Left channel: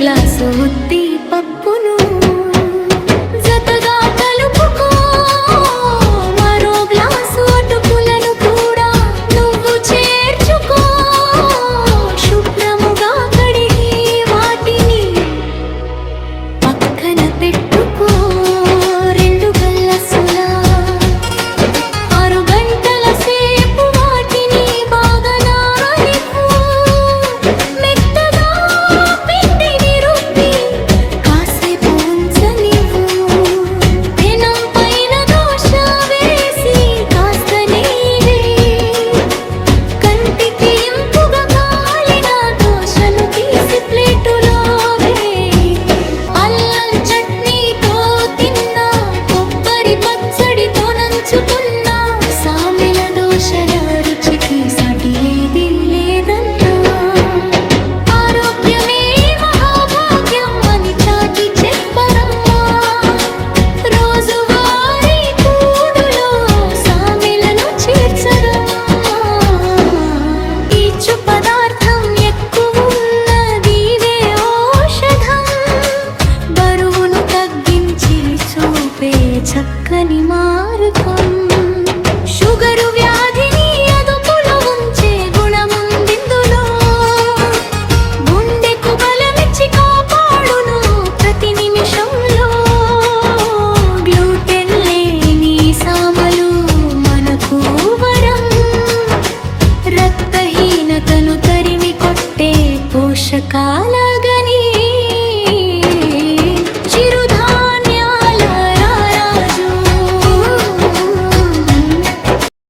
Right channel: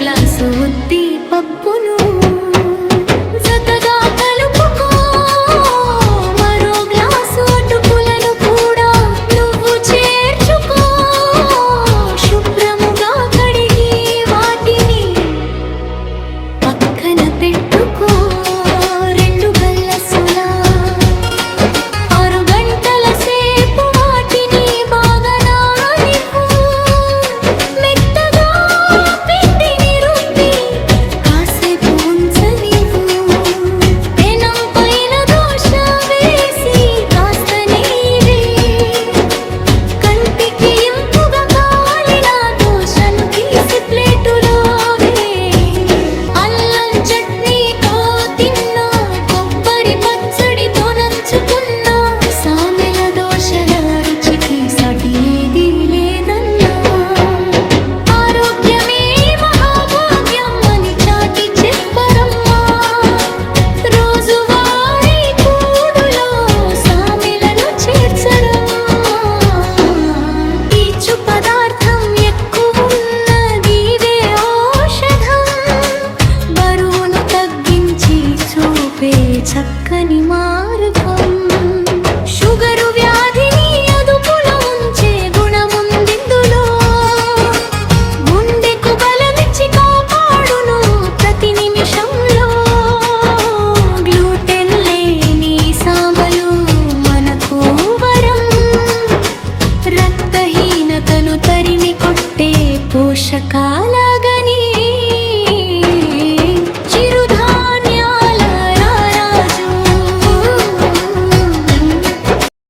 Glass ఉద్ది పప్పును జతగా కలుపుకో, మరో గ్లాసు అటుకులను కూడా నువ్వు చేర్చుకో. శుభ్రముగా కడిగి వాటిని పక్కన పెట్టుకో. 2 గల్లసులా 6 గంటల సేపు వాటిని బాగా నాననివ్వు. మెత్తగా పిండిని రుబ్బి కాసేపు ఉంచనివ్వు. పెనం పైన దోశ వేసి కాస్త నెయ్యి, కంటికి ఇంపుగా కాలిన దోశను తీసి ప్లేటులో వేయి. అల్లం చట్నీతో తిన్నా, కొబ్బరి పచ్చడితో నంచుకున్నా, సామెల దోశల రుచికి సాటి ఏదీ లేదన్నా. ఆరోగ్యమే మహాభాగ్యం అని చాటి చెప్పరమ్మా. రోజువారీ కూడులో సామెలను చేర్చరమ్మా. పీచు పదార్థం ఎక్కువున్నదివే ఔషధం, బరువును తగ్గించి చూపే చక్కని మార్గం. షుగరు వ్యాధిని అదుపులో ఉంచే గుణముందిందులో, గుండెకు బలమిచ్చి కాపాడును ప్రతి నిమిషంలో. గ్లూటెన్ లేని సామలు మనకు వరం, రక్తహీనతను తరిమి కొట్టే పోషకాల గని